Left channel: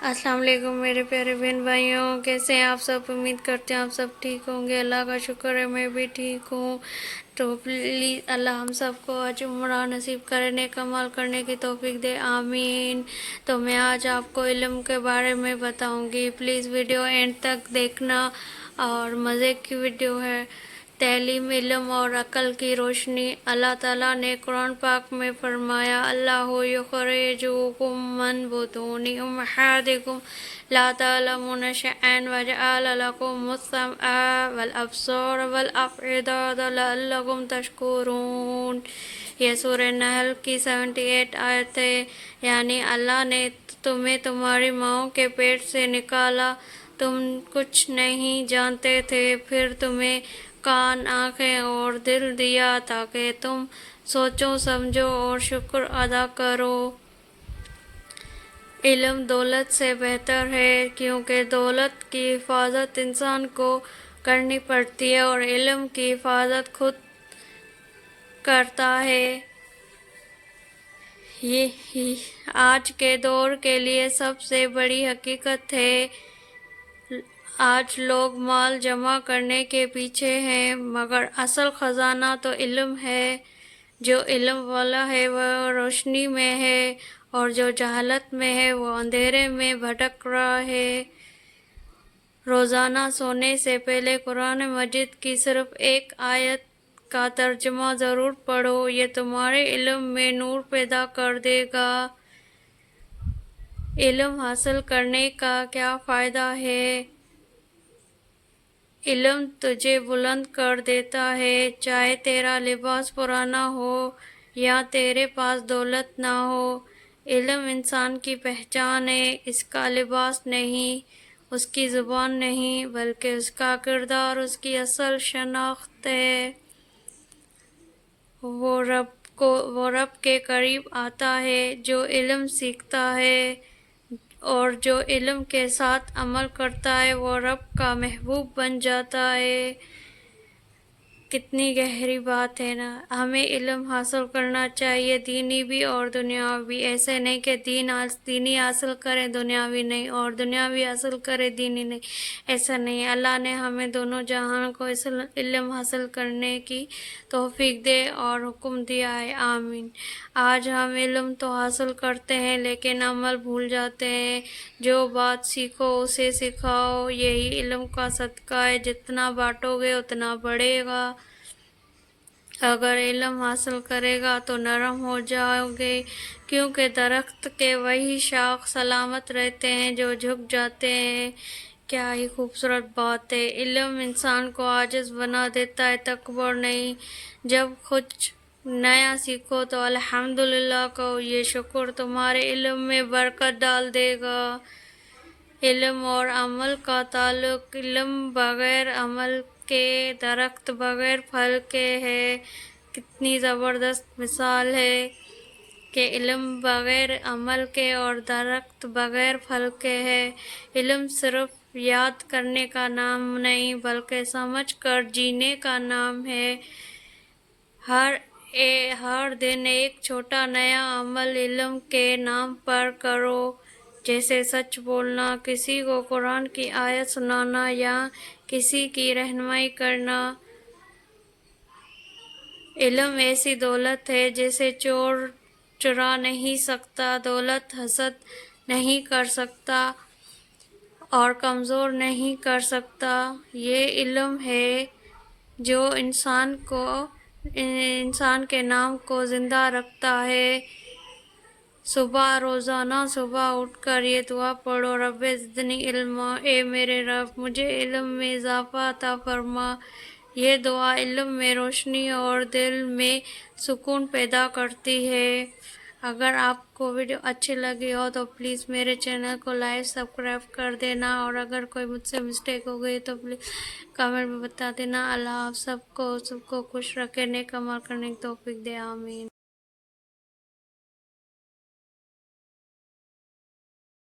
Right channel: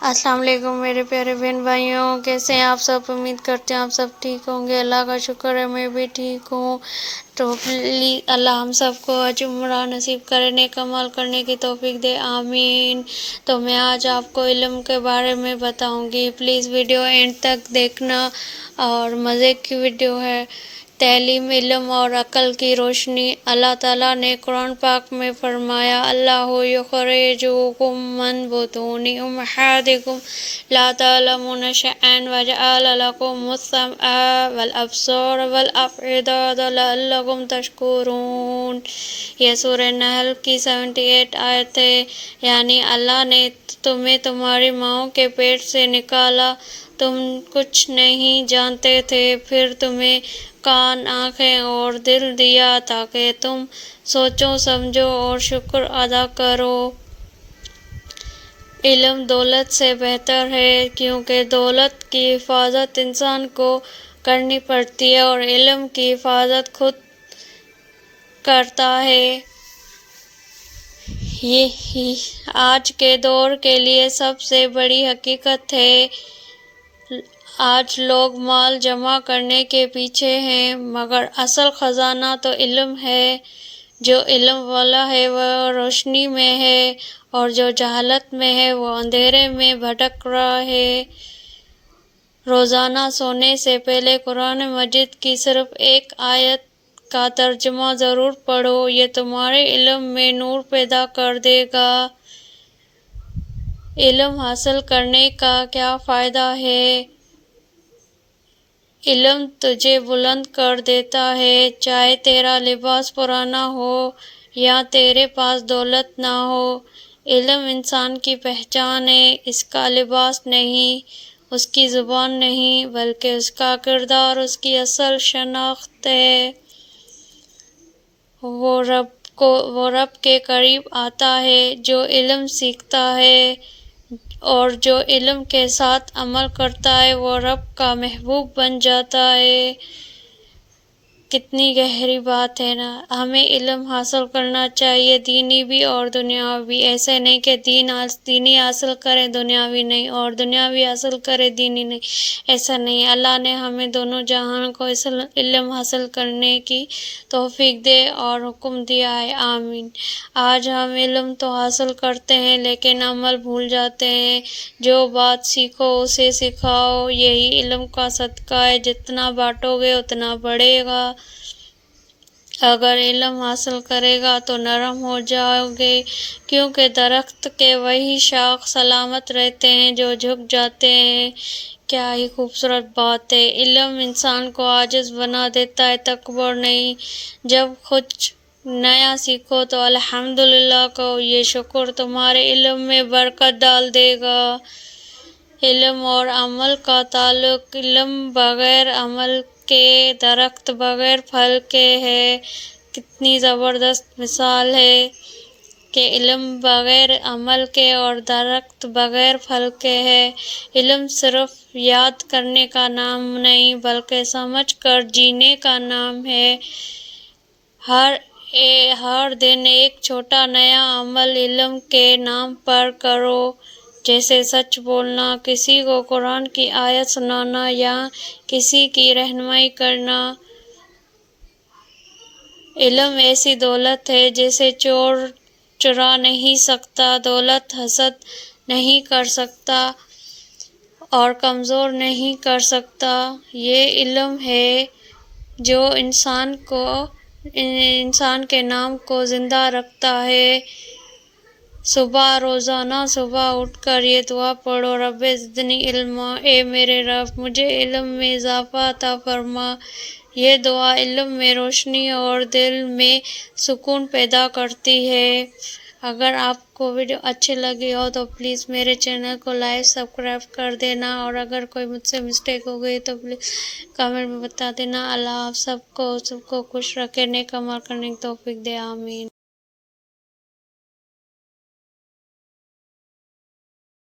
السلام علیکم میرے پیارے بہن بھائیوں، کیسے ہیں آپ سب؟ امید کرتے ہیں آپ سب ٹھیک ہوں گے۔ اللہ کا شکر ہے میں بھی ٹھیک ہوں۔ تو پلیز اللہ ہم سب کو حج عمرہ نصیب کرے، نیک عمل کرنے کی توفیق دے، آمین۔ تو میں آج آپ کو علم کے بارے میں بتاؤں گی، پلیز ویڈیو اینڈ تک دیکھنا، اور مزے کی ویڈیو ہے۔ تعلیم، علم اور عقل کی روشنی۔ اللہ تعالیٰ نے قرآن پاک میں فرمایا، اللہ یخرجکم من بطون امہاتکم لا تعلمون شیئا وجعل لکم السمع والابصار والافئدۃ لعلکم تشکرون۔ یہ سورہ نحل کی 78 آیت ہے، یعنی اللہ نے تمہیں تمہاری ماؤں کے پیٹ سے نکالا، تم کچھ نہیں جانتے تھے، پھر تمہیں کان، آنکھیں اور دل دیا تاکہ تم سوچو، سمجھو اور شکر ادا کرو۔ علم دولت سے بہتر ہے، کیونکہ دولت کی حفاظت انسان کو کرنی پڑتی ہے اور علم کی حفاظت خود کرتا ہے۔ یہ آج کے دور کے لیے سب سے بڑی حقیقت ہے۔ آج لوگ مال جمع کرنے کے پیچھے ہیں، مگر اصل خزانہ تو علم ہے۔ جو علم والا ہے وہ روشنی میں ہے، اور جو جہالت میں ہے وہ اندھیرے میں بھٹک رہا ہے۔ روزانہ سونے سے پہلے قرآن مجید کی صرف ایک آیت کا ترجمہ ضرور پڑھو، یہ تمہارے علم میں نور پیدا کر دے گا۔ علم حاصل کرنے کا کیا فائدہ ہے؟ علم تجھے بلند کر دیتا ہے، چاہے تیرا لباس پرانا ہو یا تیرے پاس دولت نہ ہو۔ علم انسان کی پہچان ہے، اس کا لباس نہیں، اس کی زبان نہیں، بلکہ اس کا کردار اس کی اصل شناخت ہے۔ وہ رب کے قریب آتا ہے جو علم سیکھتا ہے، اور جو علم کے ساتھ عمل کرتا ہے وہ رب کا محبوب بن جاتا ہے۔ کتنی گہری بات ہے نا۔ ہمیں علم حاصل کرنا چاہیے، دینی بھی اور دنیاوی بھی۔ ایسے نہیں کہ دینی حاصل کریں دنیاوی نہیں، اور دنیاوی حاصل کریں دینی نہیں، ایسا نہیں۔ اللہ نے ہمیں دونوں جہان کو علم حاصل کرنے کی توفیق دے اور حکم دیا ہے، آمین۔ آج ہم علم تو حاصل کرتے ہیں لیکن عمل بھول جاتے ہیں۔ جو بات سیکھو اسے سکھاؤ، یہی علم کا صدقہ ہے، جتنا بانٹو گے اتنا بڑھے گا۔ اگر علم حاصل کرے گا تو نرم ہو جاؤ گے، کیونکہ درخت کے وہی شاخ سلامت رہتے ہیں جو جھک جاتے ہیں۔ کیا ہی خوبصورت بات ہے۔ علم انسان کو عاجز بنا دیتا ہے، تکبر نہیں۔ جب کچھ نیا سیکھو تو الحمدللہ کہو، یہ شکر تمہارے علم میں برکت ڈال دے گا۔ علم اور عمل کا تعلق۔ علم بغیر عمل کے درخت بغیر پھل کے ہے۔ کتنی زبردست مثال ہے کہ علم بغیر عمل کے اور درخت بغیر پھل کے ہے۔ علم صرف یاد کرنے کا نام نہیں بلکہ سمجھ کر جینے کا نام ہے۔ ہر دن ایک چھوٹا نیا عمل علم کے نام پر کرو، جیسے سچ بولنا، کسی کو قرآن کی آیت سنانا یا کسی کی رہنمائی کرنا۔ علم ایسی دولت ہے جسے چور چرا نہیں سکتا، دولت حسد نہیں کر سکتا اور کمزور نہیں کر سکتا۔ یہ علم ہے جو انسان کے نام کو زندہ رکھتا ہے۔ روزانہ صبح اٹھ کر یہ دعا پڑھو، رب زدنی علما، اے میرے رب مجھے علم میں اضافہ عطا فرما۔ یہ دعا علم میں روشنی اور دل میں سکون پیدا کرتی ہے۔ اگر آپ کو ویڈیو اچھی لگی ہو تو پلیز میرے چینل کو لائک، سبسکرائب کر دینا، اور اگر کوئی مجھ سے مسٹیک ہو گئی تو پلیز کمنٹ میں بتا دینا۔ اللہ آپ سب کو خوش رکھے، نیک عمل کرنے کی توفیق دے، آمین۔